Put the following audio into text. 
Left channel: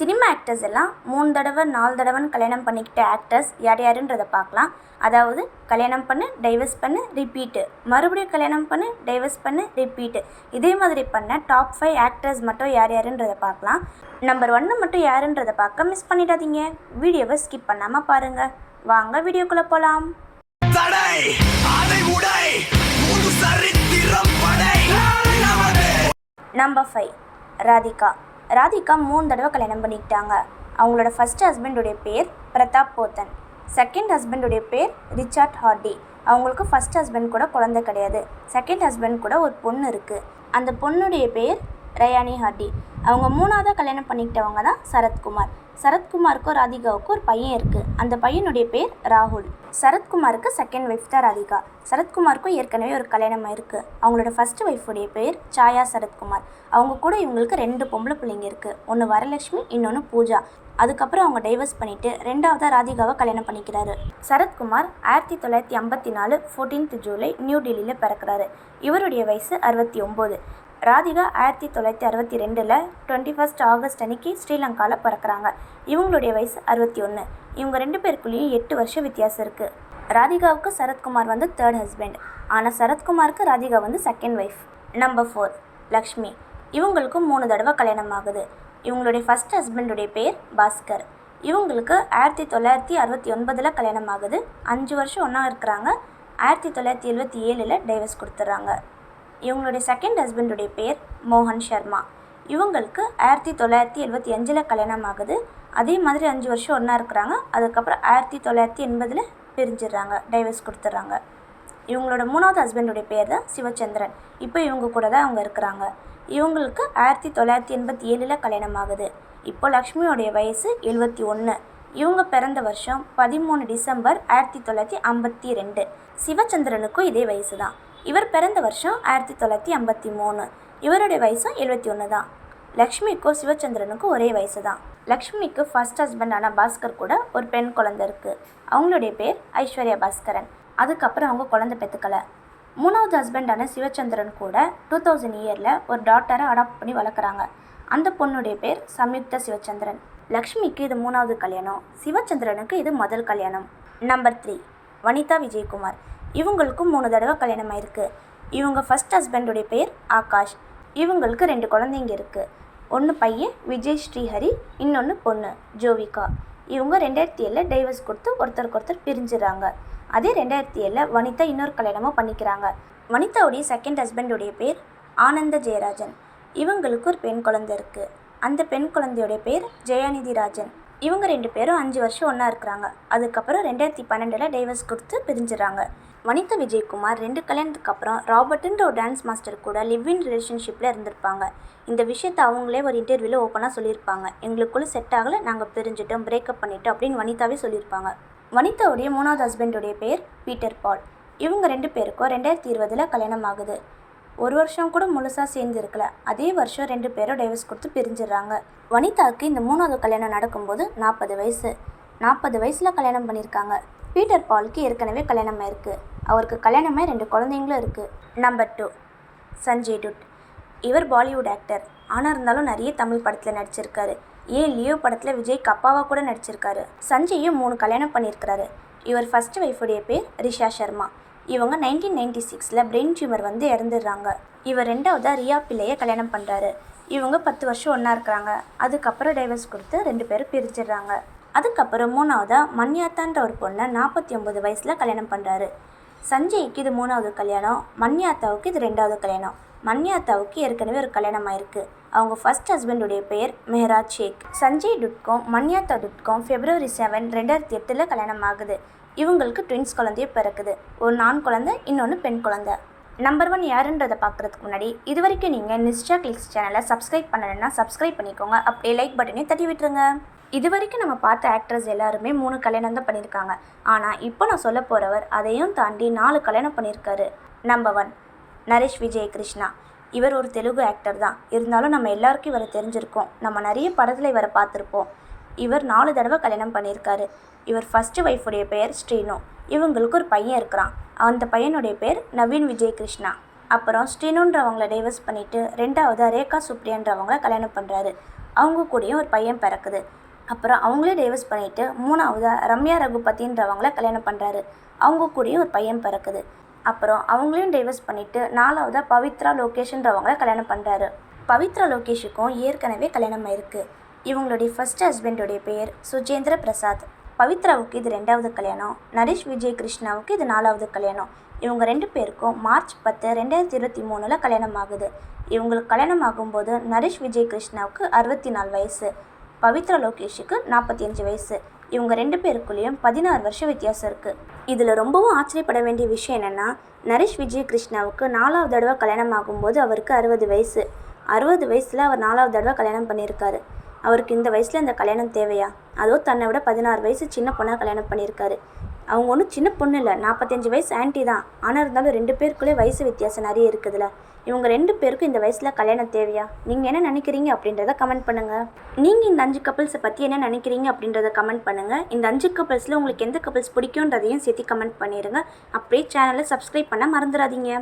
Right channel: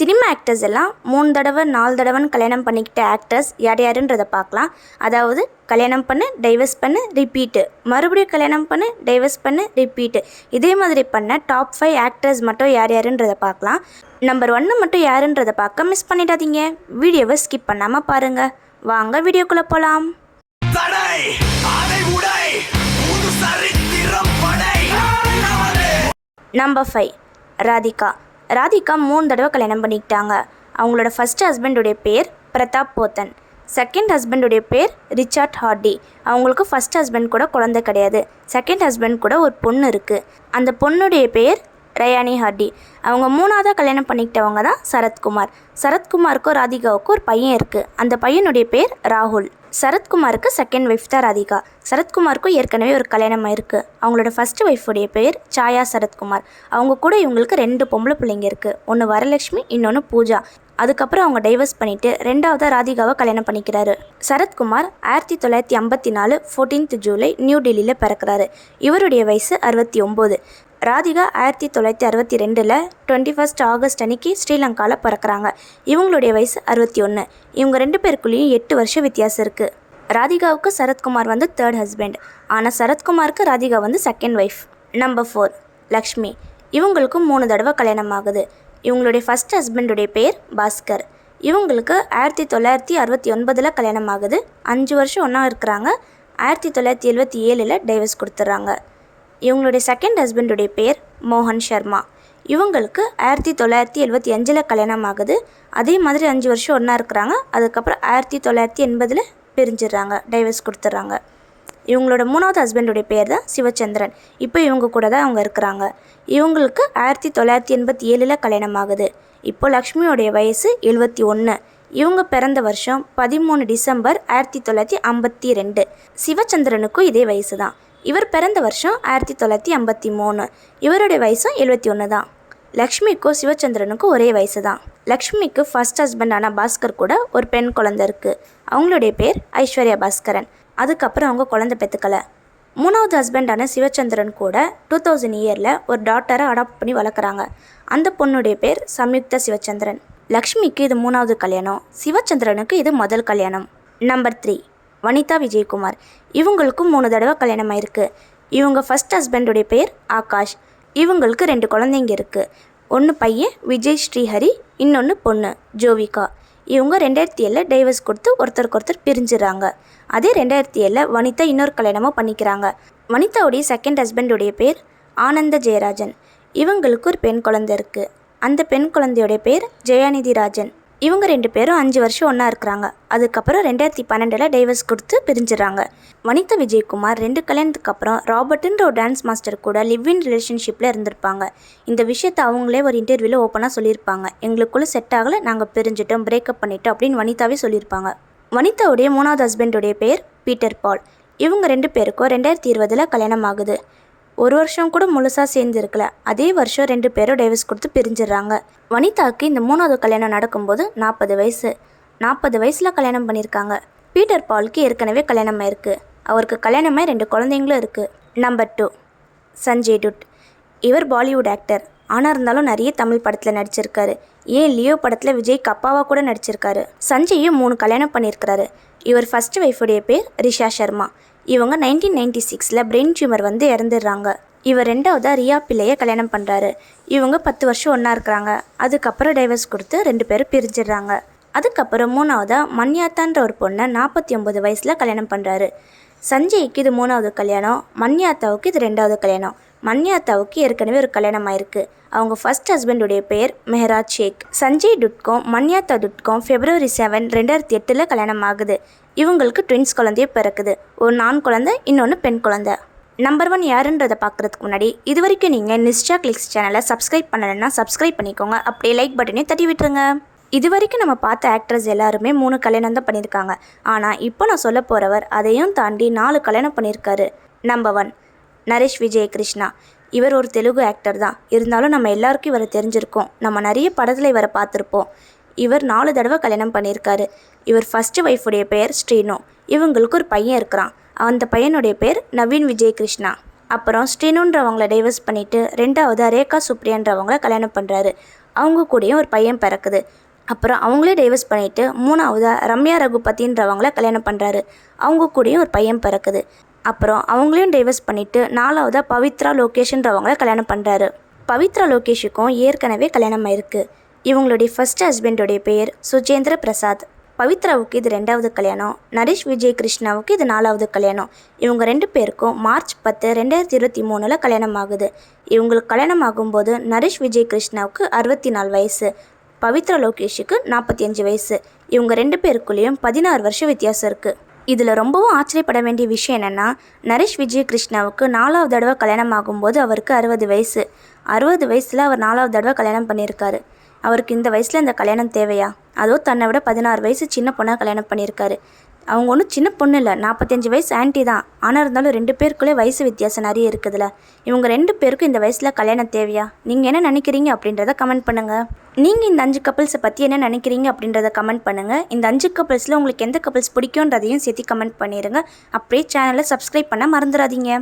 Cinema actors எல்லாம் 3 தடவை 4 தடவைன்னு கல்யாணம் பண்ணிக்கிட்ட ஆக்டர்ஸ் யார் யாருன்றதை பார்க்கலாம். அதாவது கல்யாணம் பண்ணு, டைவர்ஸ் பண்ணு, ரிப்பீட்டு, மறுபடியும் கல்யாணம் பண்ணு, டைவர்ஸ் பண்ணு, ரிப்பீட்டு. இதே மாதிரி பண்ண டாப் 5 ஆக்டர்ஸ் மட்டும் யார் யாருன்றதை பார்க்கலாம். நம்பர் 1 மட்டும் யாருன்றதை பார்க்க மிஸ் பண்ணிடாதீங்க. வீடியோவை ஸ்கிப் பண்ணாமல் பாருங்கள். வாங்க வீடியோக்குள்ளே போகலாம். நம்பர் 5 ராதிகா. ராதிகா 3 தடவை கல்யாணம் பண்ணிக்கிட்டாங்க. அவங்களோட ஃபஸ்ட் ஹஸ்பண்டுடைய பேர் பிரதாப் போத்தன். செகண்ட் ஹஸ்பண்டுடைய பேர் ரிச்சர்ட் ஹார்டி. அவங்களுக்கு ஃபஸ்ட் ஹஸ்பண்ட் கூட குழந்தை கிடையாது. செகண்ட் ஹஸ்பண்ட் கூட ஒரு பொண்ணு இருக்குது. அந்த பொண்ணுடைய பேர் ரயானி ஹார்டி. அவங்க 3ஆவதாக கல்யாணம் பண்ணிக்கிட்டவங்க தான் சரத்குமார். சரத்குமாருக்கும் ராதிகாவுக்கும் ஒரு பையன் இருக்குது. அந்த பையனுடைய பேர் ராகுல். சரத்குமாருக்கு செகண்ட் ஒய்ஃப் தான் ராதிகா. சரத்குமாருக்கும் ஏற்கனவே ஒரு கல்யாணம் இருக்குது. அவங்களோட ஃபஸ்ட்டு ஒய்ஃபுடைய பேர் சாயா சரத்குமார். அவங்க கூட இவங்களுக்கு 2 பொம்பளை பிள்ளைங்க இருக்குது. ஒன்று வரலட்சுமி, இன்னொன்று பூஜா. அதுக்கப்புறம் அவங்க டைவர்ஸ் பண்ணிவிட்டு 2ஆவதாக ராதிகாவை கல்யாணம் பண்ணிக்கிறாரு. சரத்குமார் 1954 14th ஜூலை நியூ டெல்லியில் பிறக்கிறாரு. இவருடைய வயசு 69. ராதிகா 1962 21 ஆகஸ்ட் அன்னைக்கு ஸ்ரீலங்காவில் பிறக்கிறாங்க. இவங்களுடைய வயசு 61. இவங்க 2 பேருக்குள்ளேயும் 8 வருஷம் வித்தியாசம் இருக்குது. ராதிகாவுக்கு சரத்குமார் வந்து 3rd ஹஸ்பண்ட். ஆனால் சரத்குமாருக்கு ராதிகா வந்து செகண்ட் ஒய்ஃப். நம்பர் 4 லக்ஷ்மி. இவங்களுக்கும் 3 தடவை கல்யாணம் ஆகுது. இவங்களுடைய ஃபஸ்ட் ஹஸ்பண்டுடைய பேர் பாஸ்கர். இவங்களுக்கு 1969 கல்யாணம் ஆகுது. 5 வருஷம் ஒன்றா இருக்கிறாங்க. 1977 டைவர்ஸ் கொடுத்துட்றாங்க. இவங்களுடைய செகண்ட் ஹஸ்பண்டுடைய பேர் மோகன் சர்மா. இவங்களுக்கு 1975 கல்யாணம் ஆகுது. அதே மாதிரி 5 வருஷம் ஒன்றா இருக்கிறாங்க. அதுக்கப்புறம் 1980 பிரிஞ்சிடுறாங்க, டைவர்ஸ் கொடுத்துட்றாங்க. இவங்களோட 3ஆவது ஹஸ்பண்டுடைய பேர் தான் சிவச்சந்திரன். இப்போ இவங்க கூட தான் அவங்க இருக்கிறாங்க. இவங்களுக்கு 1987 கல்யாணம் ஆகுது. இப்போ லக்ஷ்மியோடைய வயசு 71. இவங்க பிறந்த வருஷம் 13 டிசம்பர் 1952. சிவச்சந்திரனுக்கும் இதே வயசு தான். இவர் பிறந்த வருஷம் 1953. இவருடைய வயசும் 71 தான். லக்ஷ்மிக்கும் சிவச்சந்திரனுக்கும் ஒரே வயசு தான். லக்ஷ்மிக்கு ஃபஸ்ட் ஹஸ்பண்டான பாஸ்கர் கூட ஒரு பெண் குழந்தை இருக்குது. அவங்களுடைய பேர் ஐஸ்வர்யா பாஸ்கரன். அதுக்கப்புறம் அவங்க குழந்தை பெற்றுக்கலை. 3ஆவது ஹஸ்பண்டான சிவச்சந்திரன் கூட 2000 ஒரு டாட்டரை அடாப்ட் பண்ணி வளர்க்குறாங்க. அந்த பொண்ணுடைய பேர் சம்யுக்தா சிவச்சந்திரன். லக்ஷ்மிக்கு இது 3ஆவது கல்யாணம். சிவச்சந்திரனுக்கு இது முதல் கல்யாணம். நம்பர் 3 வனிதா விஜயகுமார். இவங்களுக்கும் 3 தடவை கல்யாணம் ஆயிருக்கு. இவங்க ஃபஸ்ட் ஹஸ்பண்டுடைய பேர் ஆகாஷ். இவங்களுக்கு 2 குழந்தைங்க இருக்குது. ஒன்று பையன் விஜய் ஸ்ரீஹரி, இன்னொன்று பொண்ணு ஜோவிகா. இவங்க 2007 டைவர்ஸ் கொடுத்து ஒருத்தருக்கு பிரிஞ்சுறாங்க. அதே 2007 வனிதா இன்னொரு கல்யாணமும் பண்ணிக்கிறாங்க. வனிதாவுடைய செகண்ட் ஹஸ்பண்டுடைய பேர் ஆனந்த ஜெயராஜன். இவங்களுக்கு ஒரு பெண் குழந்தை இருக்குது. அந்த பெண் குழந்தையோடைய பேர் ஜெயாநிதி ராஜன். இவங்க 2 பேரும் 5 வருஷம் ஒன்றா இருக்கிறாங்க. அதுக்கப்புறம் 2012 டைவர்ஸ் கொடுத்து பிரிஞ்சுறாங்க. வனிதா விஜயகுமார் 2 கல்யாணத்துக்கு அப்புறம் ராபர்ட்ன்ற ஒரு டான்ஸ் மாஸ்டர் கூட லிவ் இன் ரிலேஷன்ஷிப்பில் இருந்திருப்பாங்க. இந்த விஷயத்தை அவங்களே ஒரு இன்டர்வியூவில் ஓப்பனாக சொல்லியிருப்பாங்க. எங்களுக்குள்ளே செட் ஆகலை, நாங்கள் பிரிஞ்சிட்டோம், பிரேக்கப் பண்ணிட்டோம் அப்படின்னு வனிதாவே சொல்லியிருப்பாங்க. வனிதாவுடைய 3ஆவது ஹஸ்பண்டுடைய பேர் பீட்டர் பால். இவங்க 2 பேருக்கும் 2020 கல்யாணம் ஆகுது. 1 வருஷம் கூட முழுசாக சேர்ந்து இருக்கல. அதே வருஷம் 2 பேரும் டைவர்ஸ் கொடுத்து பிரிஞ்சிடுறாங்க. வனிதாவுக்கு இந்த 3ஆவது கல்யாணம் நடக்கும்போது 40 வயசு. 40 வயசில் கல்யாணம் பண்ணியிருக்காங்க. பீட்டர் பாலுக்கு ஏற்கனவே கல்யாணம் ஆயிருக்கு. அவருக்கு கல்யாணமே 2 குழந்தைங்களும் இருக்குது. நம்பர் 2 சஞ்சய் துட். இவர் பாலிவுட் ஆக்டர். ஆனால் இருந்தாலும் நிறைய தமிழ் படத்தில் நடிச்சிருக்காரு. லியோ படத்தில் விஜய்க்கு அப்பாவாக கூட நடிச்சிருக்காரு. சஞ்சயும் 3 கல்யாணம் பண்ணியிருக்கிறாரு. இவர் ஃபஸ்ட் ஒய்ஃபுடைய பேர் ரிஷா சர்மா. இவங்க 1996 பிரெயின் டியூமர் வந்து இறந்துடுறாங்க. இவர் 2ஆவதாக ரியா பிள்ளையை கல்யாணம் பண்ணுறாரு. இவங்க 10 வருஷம் ஒன்றா இருக்கிறாங்க. அதுக்கப்புறம் டைவர்ஸ் கொடுத்து 2 பேரும் பிரிஞ்சிடுறாங்க. அதுக்கப்புறம் 3ஆவதாக மன்யாத்தான்ற ஒரு பொண்ணை 49 வயசில் கல்யாணம் பண்ணுறாரு. சஞ்சய்க்கு இது 3ஆவது கல்யாணம். மன்யாத்தாவுக்கு இது 2ஆவது கல்யாணம். மன்யாத்தாவுக்கு ஏற்கனவே ஒரு கல்யாணம் ஆயிருக்கு. அவங்க ஃபஸ்ட் ஹஸ்பண்டுடைய பேர் மெஹராஜ் ஷேக். சஞ்சய் துட்க்கும் மன்யாத்தா துட்க்கும் February 7, 2008 கல்யாணம் ஆகுது. இவங்களுக்கு ட்வின்ஸ் குழந்தைய பிறக்குது. ஒரு ஆண் குழந்தை, இன்னொன்று பெண் குழந்தை. நம்பர் 1 யாருன்றதை பார்க்குறதுக்கு முன்னாடி இது வரைக்கும் நீங்கள் நிஷ்சா கிளிக்ஸ் சேனலை சப்ஸ்கிரைப் பண்ணலைன்னா சப்ஸ்கிரைப் பண்ணிக்கோங்க. அப்படியே லைக் பட்டனையும் தட்டி விட்டுருங்க. இது வரைக்கும் நம்ம பார்த்த ஆக்ட்ரஸ் எல்லாருமே 3 கல்யாணம் தான் பண்ணியிருக்காங்க. ஆனால் இப்போ நான் சொல்ல போகிறவர் அதையும் தாண்டி 4 கல்யாணம் பண்ணியிருக்காரு. நம்பர் 1 நரேஷ் விஜய் கிருஷ்ணா. இவர் ஒரு தெலுங்கு ஆக்டர் தான். இருந்தாலும் நம்ம எல்லாருக்கும் இவரை தெரிஞ்சிருக்கோம். நம்ம நிறைய படத்தில் இவரை பார்த்துருப்போம். இவர் 4 தடவை கல்யாணம் பண்ணியிருக்காரு. இவர் ஃபஸ்ட்டு ஒய்ஃபுடைய பேர் ஸ்ரீனு. இவங்களுக்கு ஒரு பையன் இருக்கிறான். அந்த பையனுடைய பேர் நவீன் விஜய் கிருஷ்ணா. அப்புறம் ஸ்ரீனுன்றவங்கள டைவர்ஸ் பண்ணிவிட்டு 2ஆவது ரேகா சுப்ரியான்றவங்கள கல்யாணம் பண்ணுறாரு. அவங்க கூடயும் ஒரு பையன் பிறக்குது. அப்புறம் அவங்களே டைவர்ஸ் பண்ணிவிட்டு 3ஆவதாக ரம்யா ரகுபதின்றவங்கள கல்யாணம் பண்ணுறாரு. அவங்க கூடயும் ஒரு பையன் பிறக்குது. அப்புறம் அவங்களையும் டைவர்ஸ் பண்ணிவிட்டு 4ஆவதாக பவித்ரா லோகேஷ்ன்றவங்கள கல்யாணம் பண்ணுறாரு. பவித்ரா லோகேஷுக்கும் ஏற்கனவே கல்யாணம் ஆயிருக்கு. இவங்களுடைய ஃபர்ஸ்ட் ஹஸ்பண்டோடைய பெயர் சுஜேந்திர பிரசாத். பவித்ராவுக்கு இது 2வது கல்யாணம். நரேஷ் விஜய் கிருஷ்ணாவுக்கு இது 4வது கல்யாணம். இவங்க 2 பேருக்கும் மார்ச் 10, 2023 கல்யாணம் ஆகுது. இவங்களுக்கு கல்யாணம் ஆகும்போது நரேஷ் விஜய் கிருஷ்ணாவுக்கு 64 வயசு, பவித்ரா லோகேஷுக்கு 45 வயசு. இவங்க 2 பேருக்குள்ளேயும் 16 வருஷம் வித்தியாசம் இருக்குது. இதில் ரொம்பவும் ஆச்சரியப்பட வேண்டிய விஷயம் என்னென்னா, நரேஷ் விஜய் கிருஷ்ணாவுக்கு 4வது தடவை கல்யாணம் ஆகும்போது அவருக்கு 60 வயசு. 60 வயசில் அவர் 4வது தடவை கல்யாணம் பண்ணியிருக்காரு. அவருக்கு இந்த வயசில் இந்த கல்யாணம் தேவையா? அதுவும் தன்னை விட 16 வயசு சின்ன பொண்ணாக கல்யாணம் பண்ணியிருக்காரு. அவங்க ஒன்றும் சின்ன பொண்ணு இல்லை, 45 வயசு ஆன்ட்டி தான். ஆனால் இருந்தாலும் 2 பேருக்குள்ளே வயசு வித்தியாசம் நிறைய இருக்குதுல்ல. இவங்க 2 பேருக்கும் இந்த வயசில் கல்யாணம் தேவையா? நீங்கள் என்ன நினைக்கிறீங்க அப்படின்றத கமெண்ட் பண்ணுங்கள். நீங்கள் இந்த 5 கப்பிள்ஸை பற்றி என்ன நினைக்கிறீங்க அப்படின்றத கமெண்ட் பண்ணுங்கள். இந்த 5 கப்பிள்ஸில் உங்களுக்கு எந்த கப்பிள்ஸ் பிடிக்குன்றதையும் சேர்த்து கமெண்ட் பண்ணிடுங்க. அப்படியே சேனலை சப்ஸ்கிரைப் பண்ண மறந்துடாதீங்க.